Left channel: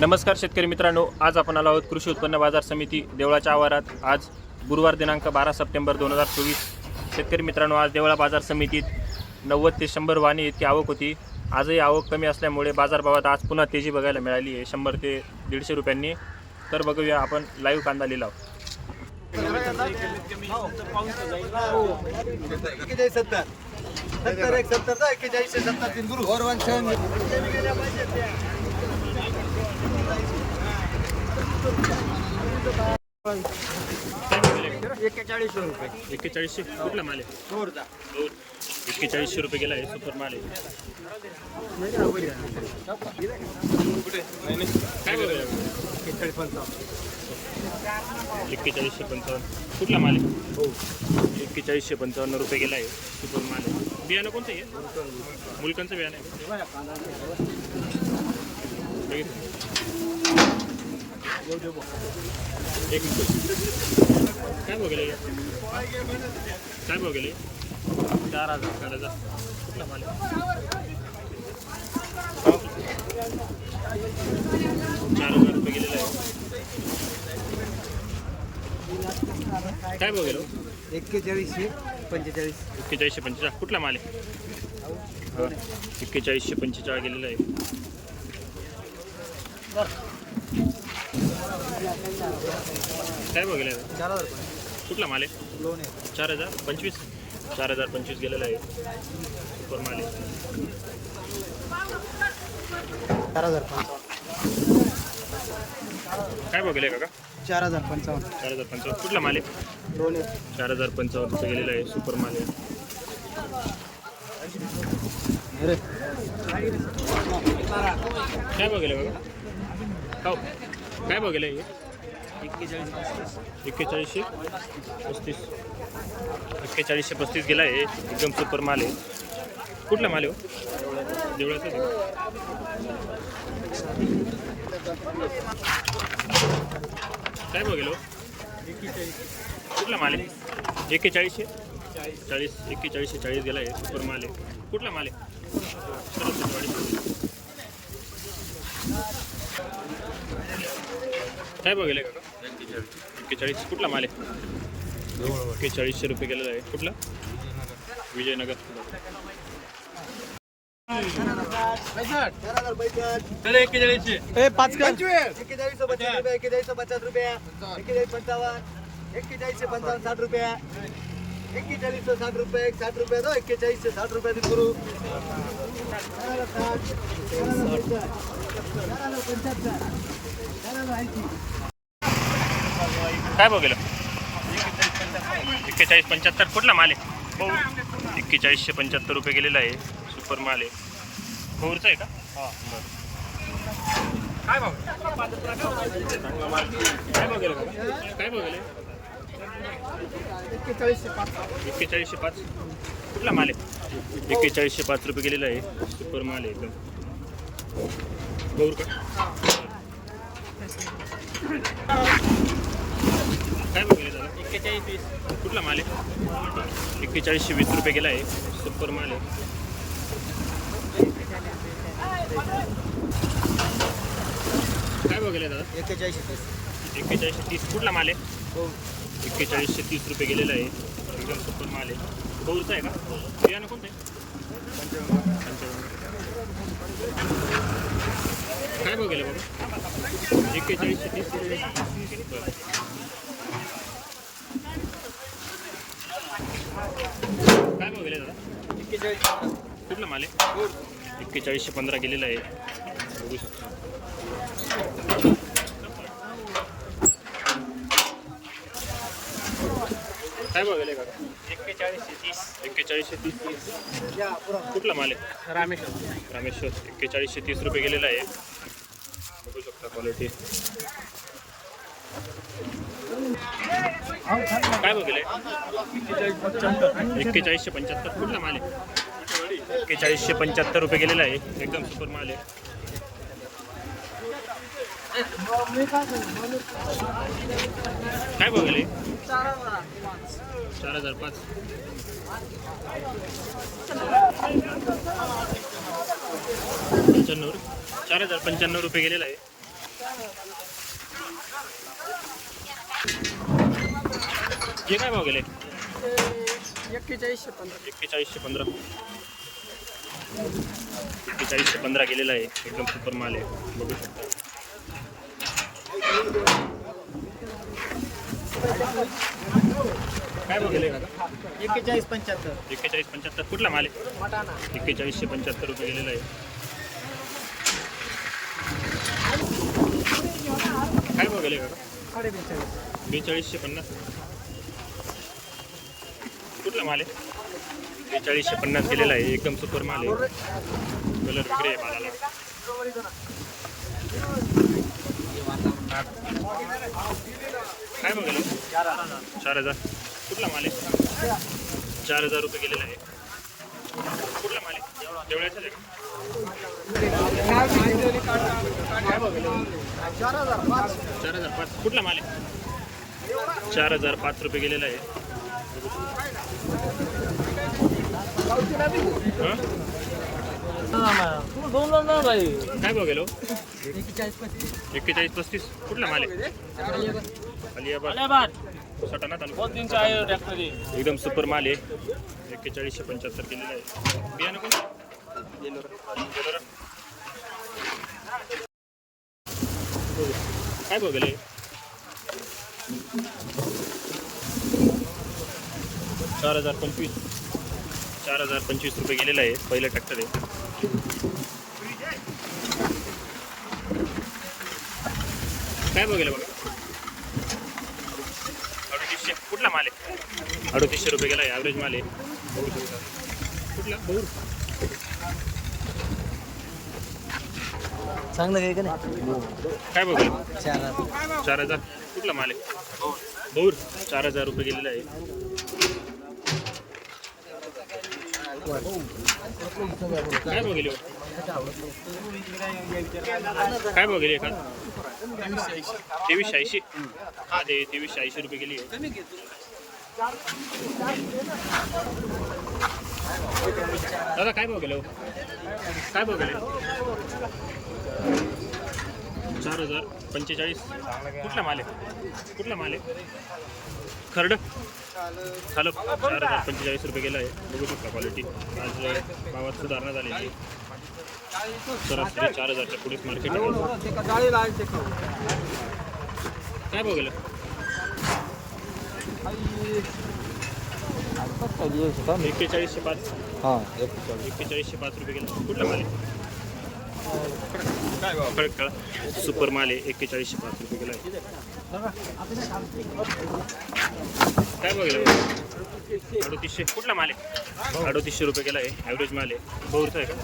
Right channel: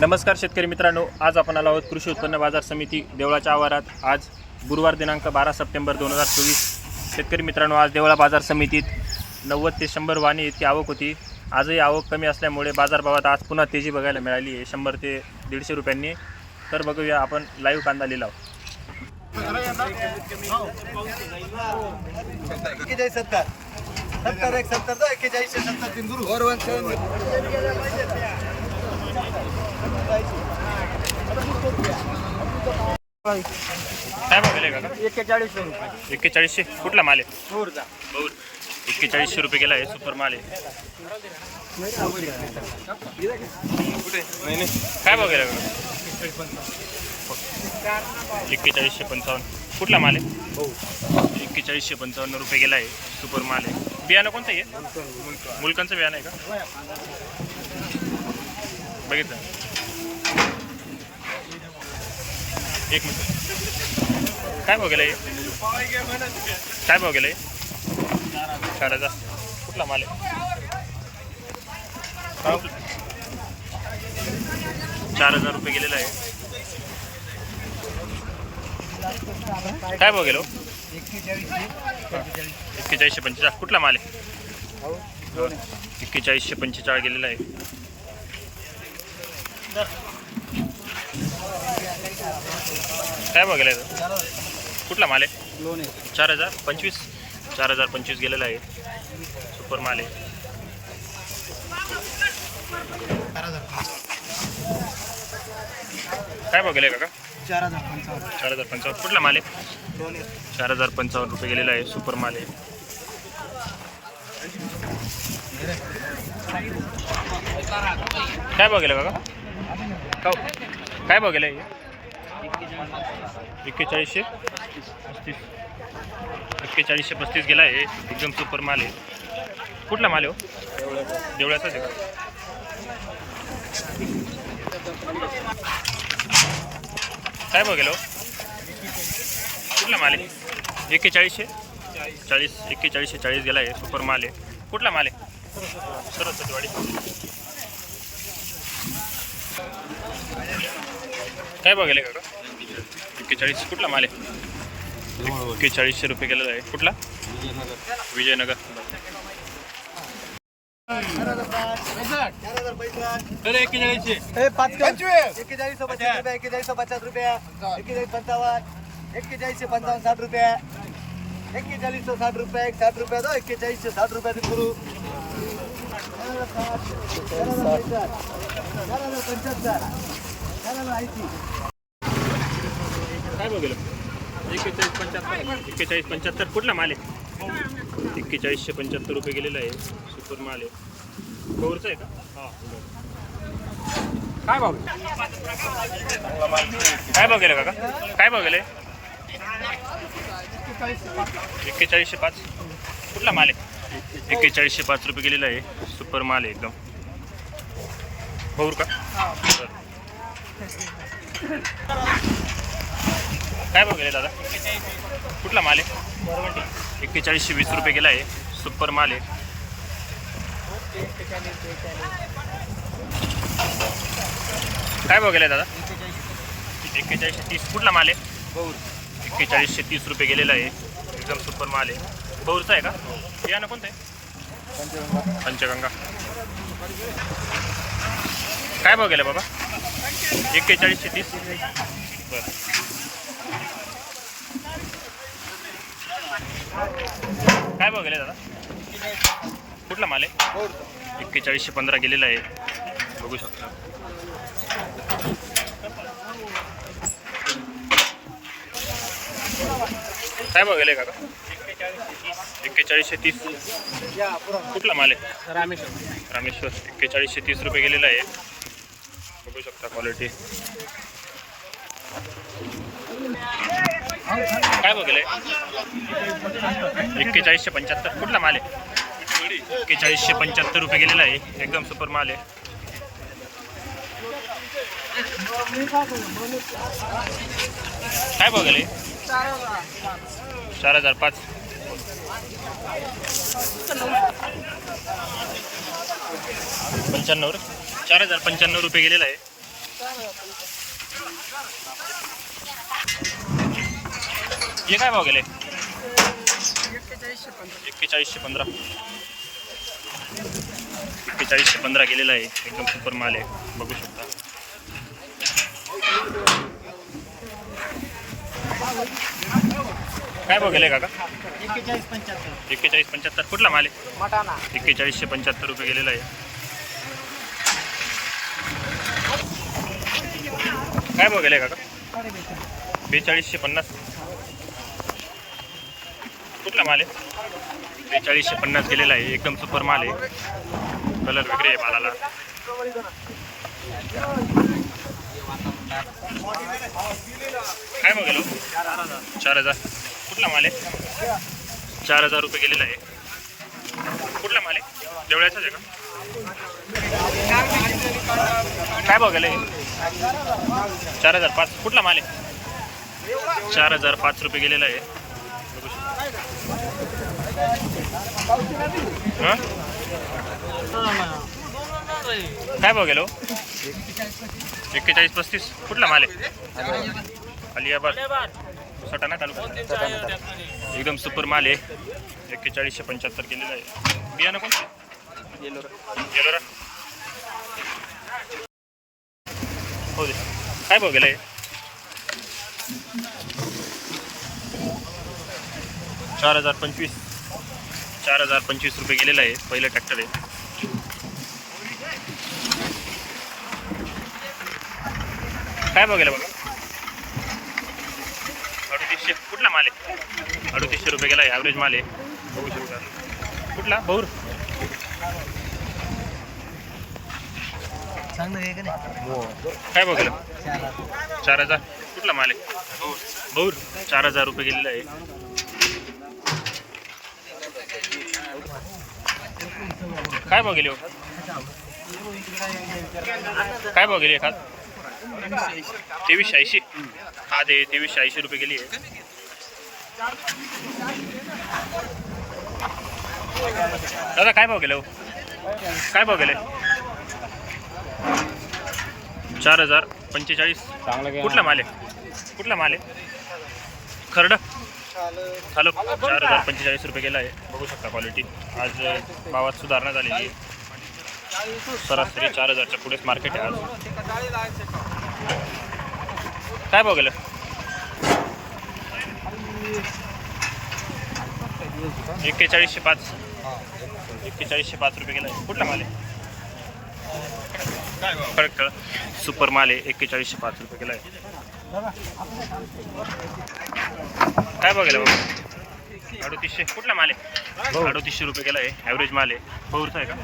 नमस्कार शेतकरी मित्रांनो आज आपण आलो आहोत कृषी उत्पन्न बाजार समिती देवळाच्या आवारात. आज गुरुवार दिनांक बारा सप्टेंबर दोन हजार चोवीस. शेतकरी मित्रांनो आज देवळा बाजार समितीत नव्वद ते शंभर वाणी इतकी आवक होती. आजही आवक कमी असल्यामुळे बाजारभावात आज पुन्हा तेजी बघायला मिळाली आहे. शंभर ते दीडशे रुपयांनी. तर बघूया आपण लाईव्ह कांदा लिलाव. एक्केचाळीस सत्तर. सत्तर एक सत्तर एक्केचाळीस सत्तर. काय बघायला का? एक्केचाळीस रुपये. एक्केचाळीसशे कुठला माल आहे? बौर एक्केचाळीसशे रुपये गेला आहे सुपर माल आहे. काय बघायला का? एक्केचाळीसशे पंचावन्न. कुठला माल आहे? एक्केचाळीसशे पंचावन्न रुपये गेला आहे सुपर माल आहे. बियाणं कोणतं आहे? मुलकांचं बियाणं आहे का? बघितलं. एक मिनिट। काय भाव गेलं काय भाव गेलं चार हज़ार। कुठला माल चार हज़ार रुपये गेलेला आहे काय भाव गेलो एक्केचाळीसशे पंचेचाळीस एक्केचाळीसशे पंचेचाळीस। कुठला माल आहे. एक्केचाळीसशे पंचेचाळीस गेलेला आहे काय भाव गेला आहे चार हजार. कुठला माल आहे? लोन आहे चार हजार पंचवीस? चार हजार पंचवीस गेलेला आहे. सुपर माल आहे. चार हजार पंचावन्न. काय भाव गेले काका? चार हजार पंचावन्न. चार हजार पंचावन्न. कुठला माल आहे? लोन आहे चार हजार पंचावन्न रुपये गेलेला आहे. सुपर माल आहे. काय भाव गेले काका? का काय भाव गेले एक्केचाळीसशे पस्तीस. एक्केचाळीसशे पस्तीस गेला आहे. एकदम सुपर माल आहे. कुठला माल आहे हो? देवळाचाच आहे का? काय भाव गेलो कुठला माल आहे? एक्केचाळीसशे? चाळीस. एक्केचाळीसशे चाळीस गेला आहे. सुपर माल आहे. कुठला माल आहे? सरस्वतीवाडी. काय गेले काका एक्केचाळीस कुठला माल आहे एक्केचाळीसशे रुपये गेलेला आहे कुठला विजयनगर पचास रुपये एक्केचाळीस पचास रुपये एक्केचाळीस पंचावन्न एक्केचाळीसशे पंचावन्न साठ रुपये एक्केचाळीस साठ रुपये साठ रुपये दो एक्केचाळीसशे साठ करू काय भाव गेलं? एक्केचाळीस पंच्याहत्तर कुठला माल आहे? एक्केचाळीसशे पंच्याहत्तर रुपये गेलेला आहे. सुपर माल आहे. कोरचा आहे का? काय भाऊ काय भाव गेलं काका? काय भाव गेले एक्केचाळीसशे पाच. एक्केचाळीसशे पाच कुठला माल आहे? एक्केचाळीसशे पाच रुपये गेलेला आहे. सुपर माल आहे एकदम. भाऊर का? बरं. काय भाव गेले दादा? कुठला माल आहे? एक्केचाळीसशे वीस रुपये गेला आहे. सुपर माल आहे. काय भाव गेलाय दादा? एक्केचाळीसशे एक्केचाळीसशे तीस. कुठला माल आहे? एक्केचाळीसशे तीस रुपये गेलेला आहे. एकदम सुपर माल आहे. बहुरचा आहे का? बियाणं कोणतं आहे? पंचगंगा. काय भाव गेला बाबा? एक्केचाळीसशे तीस. बरं. काय भाव गेले दादा? कुठला माल आहे? एक्केचाळीसशे पंधरा गेलेला आहे. बघू शकता. काय भाव गेले काका? एक्केचाळीसशे तीस. कुठला माल आहे? रामेश्वर. रामेश्वर. एक्केचाळीसशे तीस रुपये गेलेला आहे. बघू शकता क्वालिटी काय भाव एक्केचाळीसशे पंच्याहत्तर. कुठला माल आहे? एक्केचाळीसशे पंच्याहत्तर रुपये गेलेला आहे. एकदम सुपर माल आहे. काय बघेल चार हजार पाच. पंच्याण्णव रे. चार हज़ार पंच्याण्णव रुपये गेलेला आहे. हे काय भाव गेले? एक्केचाळीसशे पंधरा. एक्केचाळीसशे पंधरा गेलेला आहे. एकदम सुपर माल आहे. बघू शकता. काय भाव गेले काका? एक्केचाळीस पंच्याहत्तर. एक्केचाळीस पंच्याहत्तर. कुठला माल आहे? मटाना. एक्केचाळीसशे पंच्याहत्तर रुपये गेलेला आहे. काय भाव गेले काका? बेचाळीसशे पन्नास. कुठला माल आहे? बेचाळीसशे पन्नास गेलेला आहे. एकदम सुपर माल आहे. कलर वेगळे आहे मालाला. काय बघेल? चार हजार. कुठला माल आहे? चार हजार रुपये गेलेला आहे. कुठला माल आहे? देवळ्याच्याच आहे का? काय बघेल चार हजार पाच. कुठला माल आहे? चार हजार पाच रुपये गेलेला आहे. बघू काय भाव गेलो? एक्केचाळीस पस्तीस. कुठला माल आहे? अलियाबाद. सटाणा तालुका एकदम सुपर माल आहे. एक्केचाळीसशे पंच्याहत्तर केलेलं आहे. बियाणं कोण येलोरा. हो दे. काय भाव गेलं चार हजार पंचवीस. चार हजार पंचवीस रुपये गेलेला आहे पहिलं ट्रॅक्टर आहे. काय बघेल बघा? अडतीसशे. कुठला माल आहे? अडतीसशे रुपये गेला आहे ॲव्हरेज माल आहे. बघू शकता. कुठला? नाही? काय बघेल चार हजार. कुठला माल आहे? बहुर. चार हजार रुपये गेलेला आहे. काय बघेल हो? काय बघेल एखाद? तेवीसशे ऐंशी. हा ते तेवीसशे ऐंशी रुपये गेली आहे. दादा काय भाव गेले हो? काय भाव गेले? चार हजार पंचेचाळीस. कुठला माल आहे? कुठला माल आहे? खरड. हॅलो चार हजार पंचेचाळीस रुपये गेला आहे. बघू शकता क्वालिटी आज भावात सुधारणा झालेली आहे. सरासरी चार हजारच्या पुढेच मार्केट आहे आज. काय भाव गेलं? एक्केचाळीसशे पाच. एक्केचाळीसशे पाच रुपये गेला. आहे कुठला माल आहे? खडक कळा. सुपर माल आहे एक्केचाळीसशे पाच रुपये गेला आहे. काय बघायला बाबा अडतीसशे. कुठला माल आहे? अडतीसशे रुपये गेला आहे. ॲव्हरेज माल आहे. बहुरचा आहे का?